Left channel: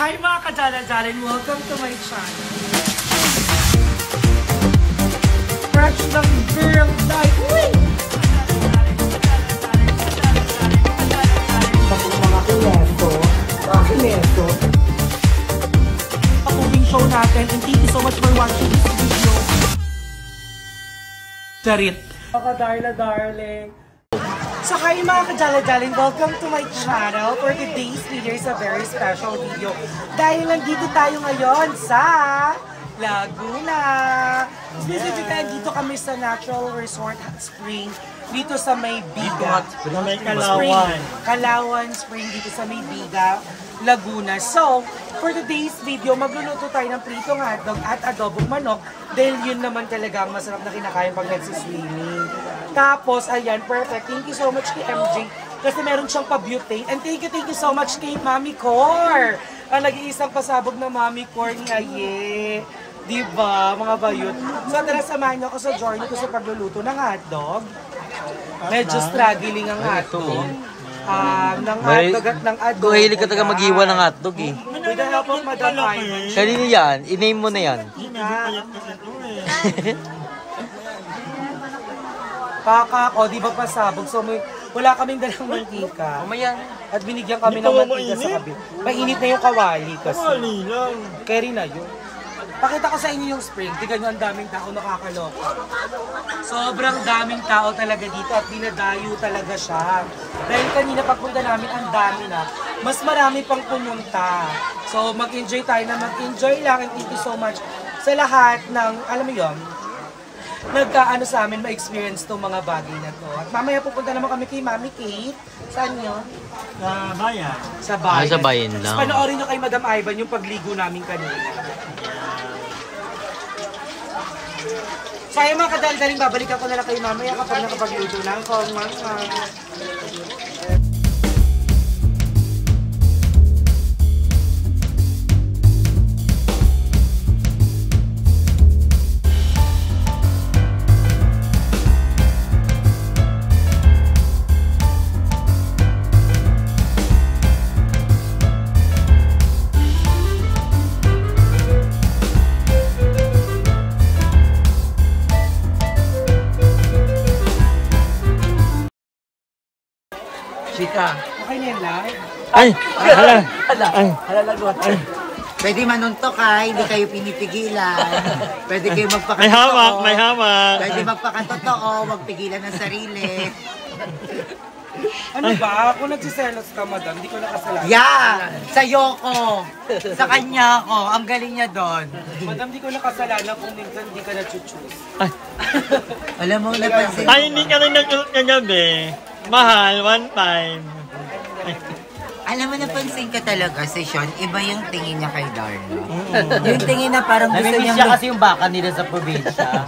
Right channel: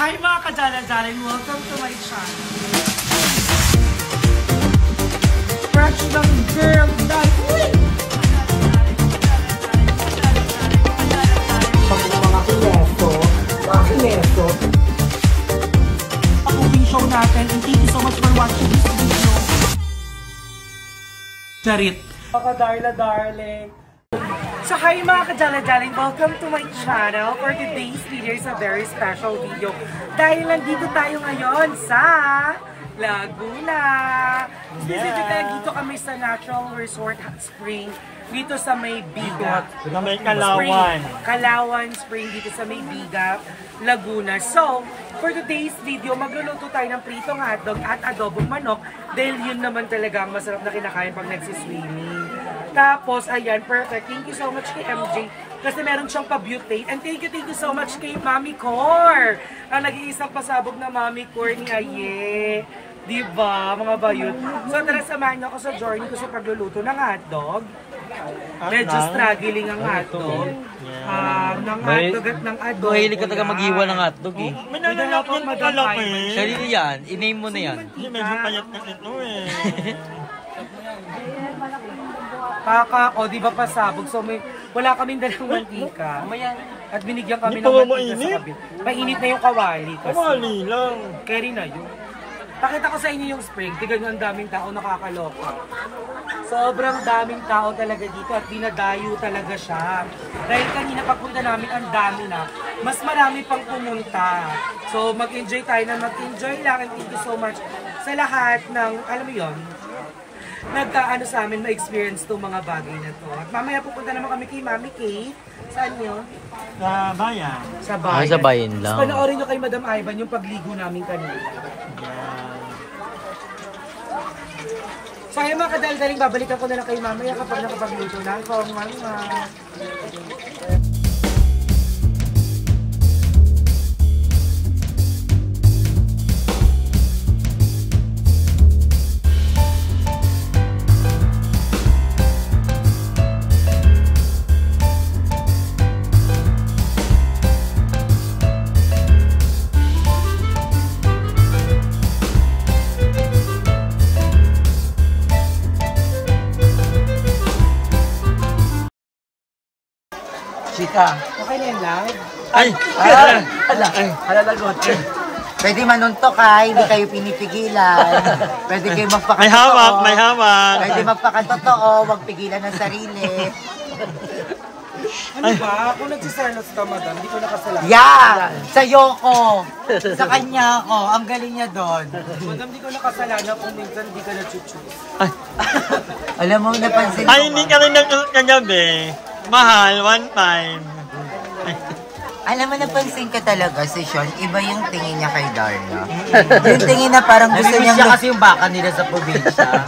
Hi mga kadala-dalan, welcome to my channel. Fresh ng girl night. Mga kineto. Pag-uwing show natin, and thank you so much for watching this video. Charit. Mga darling. So hi mga kadala-daling, welcome to my channel. For today's video is a very special video. Dahil nandito tayo ngayon sa Laguna. Specifically, dito kami sa Natural Resort Hot Spring. Dito sa May Biga. Kalawan Spring dito sa May Biga, Laguna. So, for today's video, magluluto tayo ng pritong hotdog at adobong manok. Dahil yun naman talaga ang masarap na kinakain pag nagsiswimming. Tapos, ayan, perfect. Thank you so much kay MJ. Kasi meron siyang pa-butane. And thank you so much kay Mami Cor. Ang nag-iisang pasabog na Mami Cor ni Aye. Diba, mga bayot? So, tara, samahan niyo ako sa journey ko sa pagluluto ng hotdog. Medyo struggling ang hotdog. Ng hotdog at ng adobong. Kuhilig ka taga mag-iwan ng hotdog eh. Wala pang madamay. Kanino yan? I-name mo na yan. Kaka, di ba pasabog? So, wala kaming dalang mantika. At binigyan kami ng mantika sa kabi. Mainit na yung kawali kasi. Carry na yun. Pakita ko sa inyo yung spring. Tignan nyo, ang daming tao, nakakaloka. Sobrang daming tao talaga dito at dinadayo talaga siya. Dahil kanina pagpunta namin, ang dami na. Mas marami pang pumunta. So, mag-enjoy tayo na mag-enjoy lang. And thank you so much sa lahat ng, alam mo yun, nagkaano sa amin ma-experience itong mga bagay na to. At mamaya pupunta naman kami kay Mami Kate. Saan yun? Sa bayan. Sa bayan. Sa bayan lang. So, panoorin nyo kay Madam Ivan yung pagligo namin kanina. Sayang mga kadal-daling, babalikan ko na lang kayo mamaya kapag nakapagluto na ako. Chika. Okay na yung live? Halalagot. Pwede manuntok ha, hindi kayo pinipigilan. Pwede kayo magpakatotoo. May hamak. Pwede magpakatotoo, magpigilan ng sarili. Ano ba? Kung nagsiselos ka, madam, hindi ko nakasalanan. Yeah! Sa'yo ko. Sa kanya ako. Ang galing niya doon. Madam, hindi ko nakasalanan kung minsan hindi ka na-choose. Alam mo, napansin Ay, hindi ka rin nagkagabi. Mahal, one time. Alam mo, napansin ka talaga si Sean, iba yung tingin niya kay Darla. Yung tingin na parang gusto Namimiss niyang... siya kasi yung baka nila sa probinsya.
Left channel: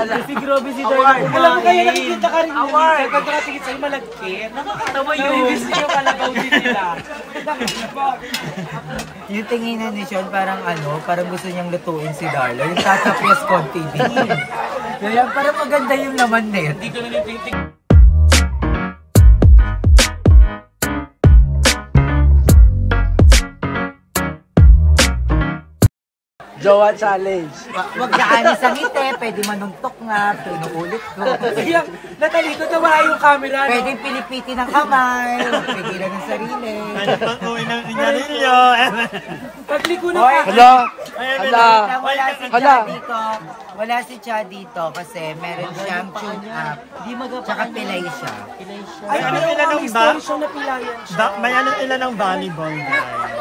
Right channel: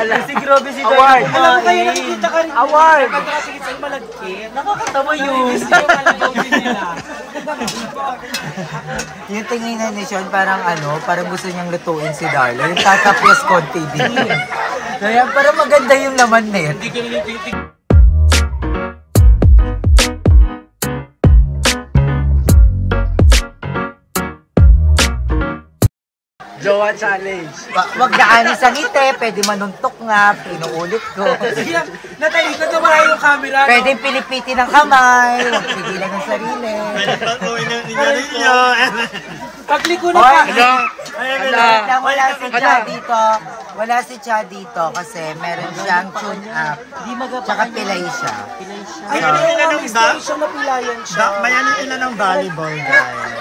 Si Grobe si Award! Alam mo kaya nakikita ka rin. Award! Pag nakatingin sa'yo malagkit. Nakakatawa yun. Nila. Yung tingin na ni Sean, parang parang gusto niyang lutuin si Darla. Yung tatapyas konti din. Kaya parang maganda yung laman net. Hindi ko na titig. Jowa challenge. Wag na anis ang ngiti, pwede manuntok nga, pinuulit ko. Sige, natalikot na wala yung camera, no? Pwede pilipitin ng kamay, huwag pigilan ng sarili. Pag-uwi ng ninyo. Pagliko na ka. Wala si Cha dito kasi meron siyang tune up. Tsaka pilay siya. Ay, ano yung story siyang napilayan siya. May ilan ng volleyball, guys.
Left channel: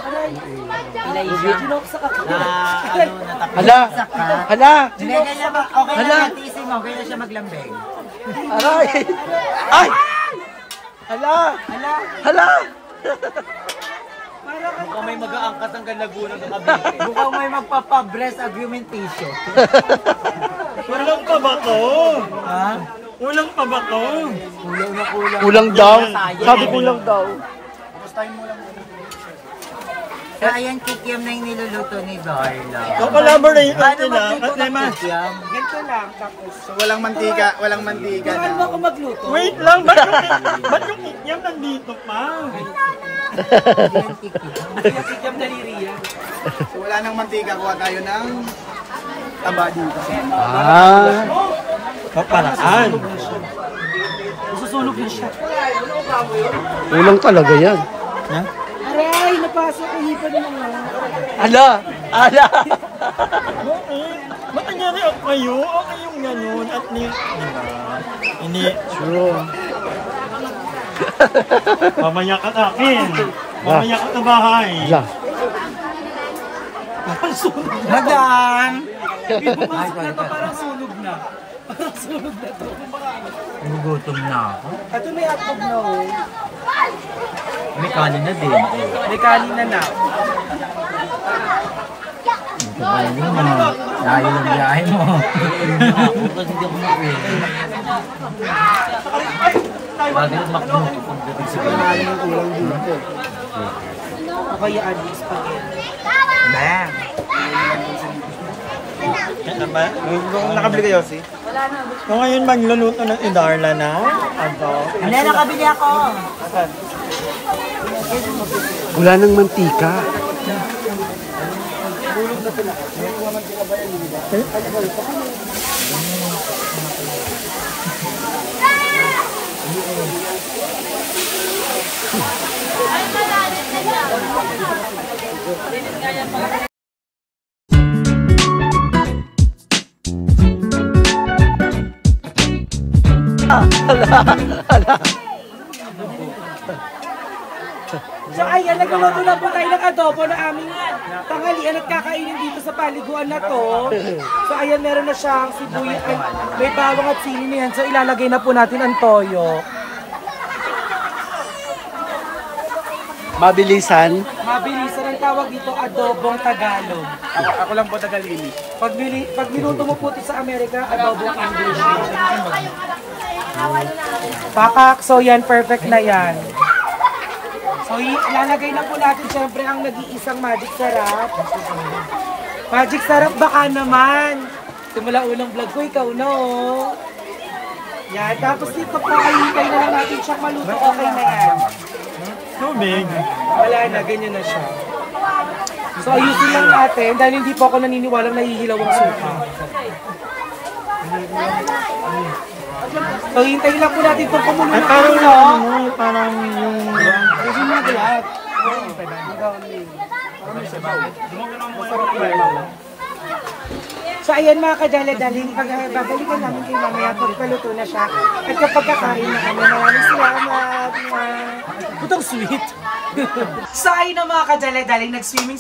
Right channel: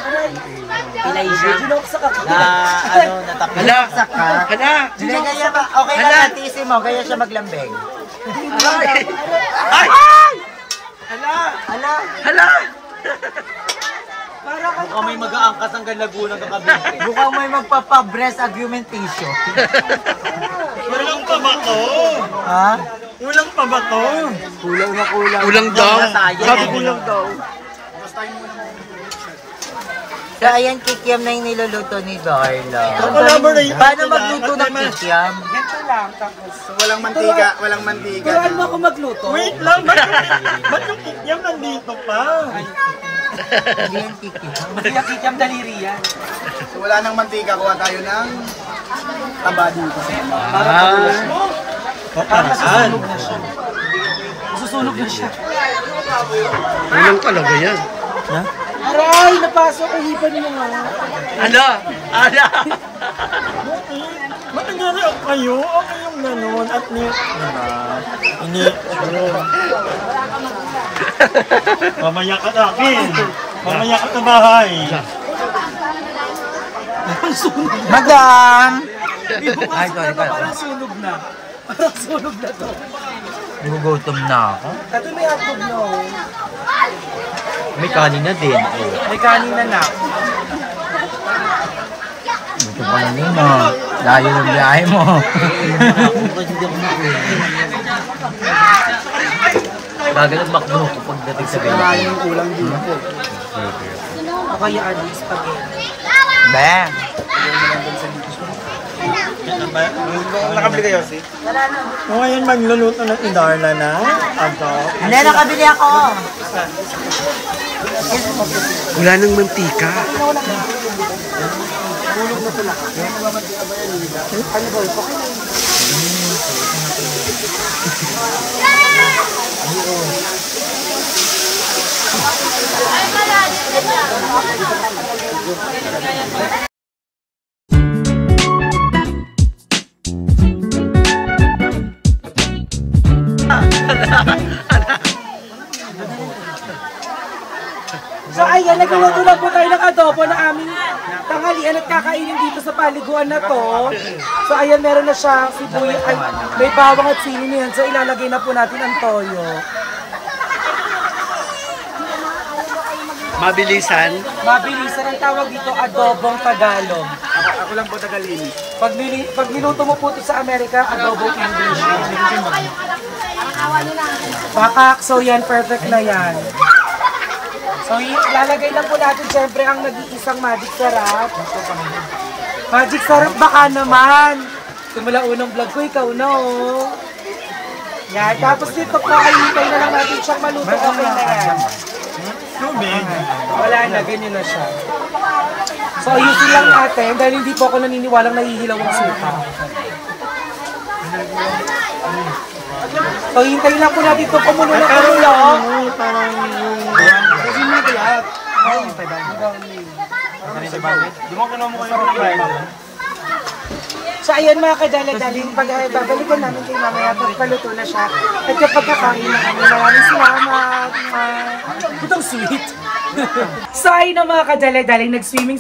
Pilay siya. Sinoksa ka. Hala! Okay lang, tiisin mo, kaya siya maglambing. Ay! Hala! Mukhang may mag-aangkas ang Laguna ng kabili. Mukhang may magpapa-breast augmentation. Kulang pa ba to? Ha? Kulang pa ba to? Kulang daw. Sabi kulang daw. So, ayan, kikiam na yung niluluto ni Darla. Collaborate Paano magluto ng kikiam? Ganito lang, tapos. So, walang mantika Turuan mo ako magluto. Wait lang, ba't yung ikyam nandito pa? Hindi yung kikip. Makiyak-kikyam daliri yan. So, wala nang mantika, kuha tayo ng taba dito. Parang nasusunog na siya. Nasusunog na siya. Kulang talaga yan. Ha? Aray, napasok ang hipan mo nga. Ala! Ala! Ba't nangyari ako kayo? Okay yung ganun. At diba? Hindi. Mamaya ka sa akin. Mamaya ka sa bahay. Madam! Ibukas na to, parang sunog na. Parang sunog na to. Gugutom na ako. Ito may hotdog na oh. May kanin na din. May kanin na na. Ito pa yun mo. Layo ng biyahe mo. Ako kasi di ako nakuha. Bagay ang makno pagdating sa biyahe. Kaya yung kulang dito. Ako yung spaghetti. Ba? Nakabili kayo, si? So ngayon magluluto ng Idarla na. Hindi, nakabili ako. Wala nang mantika. So ayan, nagluto na po tayo ng adobo na aming tanghalian at kakainin dito sa paliguan na to. So ayan, meron na siyang sibuyas, may bawang at sili na yan. So ilalagay na po natin ang toyo. Mabilisan. Mabilisan ang tawag dito, adobong Tagalog. Ako lang po Tagalini. Pag niluto mo po ito sa Amerika, adobong English. Pakak, so yan, perfect na yan. So, lalagay na po natin syempre ang nag-iisang magic sarap. Magic sarap baka naman. Simula unang vlog ko, ikaw no. Yan, tapos dito po, ayipay na lang natin siyang maluto. Okay na yan. Tubig. Wala na, ganyan na siya. So, ayusin lang natin dahil hindi po ako naniniwalang nahihilaw ang suka. So, hintayin lang po natin itong kumulo na kumulo. Kasi mo na ito lahat. So ayan mga kadala-daling, babalikan namin kay mamaya pagpaluto na siya. At kapag kakain na kami, maraming salamat. Putang sweet. So ayun na mga kadala-daling, nag-swimming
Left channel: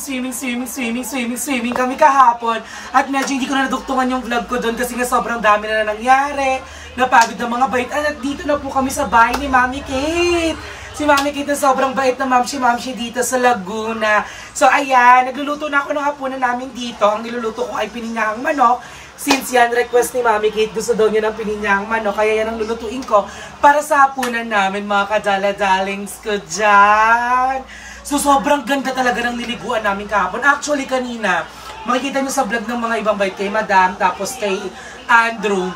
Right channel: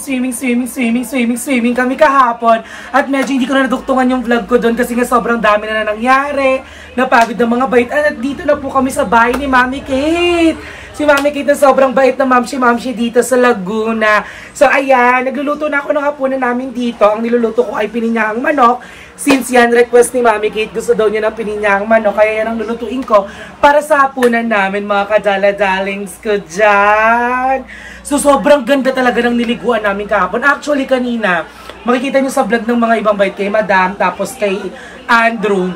kami kahapon. At medyo hindi ko na naduktungan yung vlog ko doon kasi nga sobrang dami na nangyari. Napagod ng mga bait. At dito na po kami sa bahay ni Mami Kate. Si Mami Kate na sobrang bait na mamshi dito sa Laguna. So ayan, nagluluto na ako ng hapunan namin dito. Ang niluluto ko ay pininyahang manok. Since yan request ni Mami Kate, gusto daw niya ng pininyahang manok. Kaya yan ang lulutuin ko para sa hapunan namin mga kadala-darlings ko dyan. So sobrang ganda talaga ng niliguan namin kahapon. Actually kanina, makikita nyo sa vlog ng mga ibang bait kay Madam, tapos kay Andrew.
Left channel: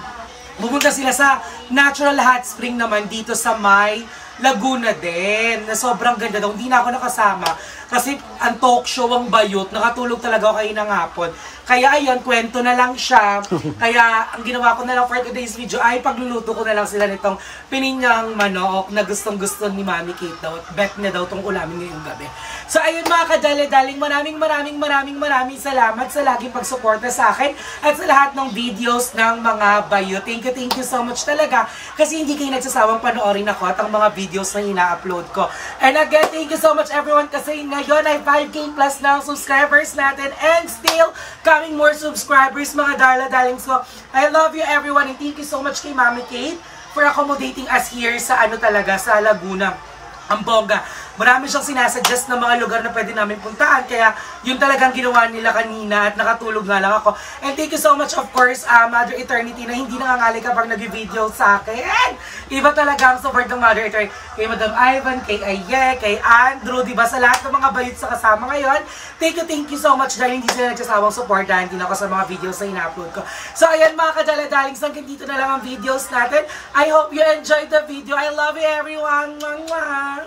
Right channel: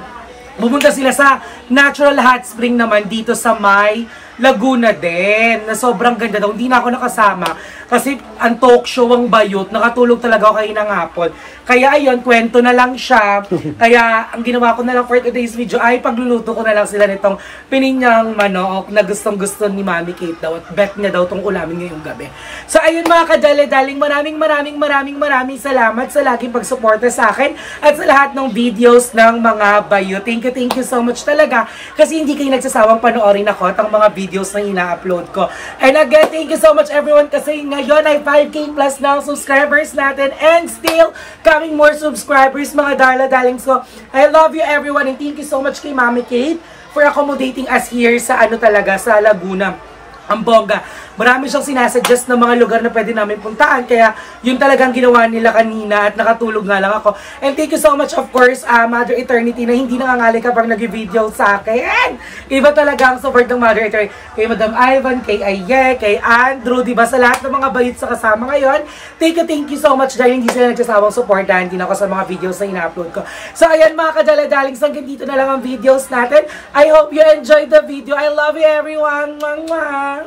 Pumunta sila sa natural hot spring naman dito sa may Laguna din, na sobrang ganda daw. Hindi na ako nakasama kasi ang talk show ang bayot, nakatulog talaga ako kayo ng hapon. Kaya ayun, kwento na lang siya. Kaya ang ginawa ko na lang for today's video ay pagluluto ko na lang sila nitong pininyang manok na gustong gusto ni Mami Kate daw at bet niya daw itong ulamin ngayong gabi. So ayun mga kadali-daling, maraming salamat sa laging pagsuporta sa akin at sa lahat ng videos ng mga bayot. Thank you so much talaga kasi hindi kayo nagsasawang panoorin ako at ang mga videos na ina-upload ko. And again, thank you so much everyone kasi ngayon ay 5K plus na ang subscribers natin and still coming more subscribers mga darla-darlings ko. I love you everyone and thank you so much kay Mami Kate for accommodating us here sa sa Laguna. Ang bongga. Marami siyang sinasuggest ng mga lugar na pwede namin puntaan. Kaya yun talagang ginawa nila kanina at nakatulog nga lang ako. And thank you so much of course, Mother Eternity na hindi nangangali kapag nag-video sa akin. Iba talaga ang support ng Mother Eternity. Kay Madam Ivan, kay Aye, kay Andrew, diba sa lahat ng mga bayit sa kasama ngayon. Thank you so much dahil hindi sila nagsasawang supportahan din ako sa mga videos na ina-upload ko. So ayan mga kadala-darlings, hanggang dito na lang ang videos natin. I hope you enjoyed the video. I love you everyone. Mwah, mwah.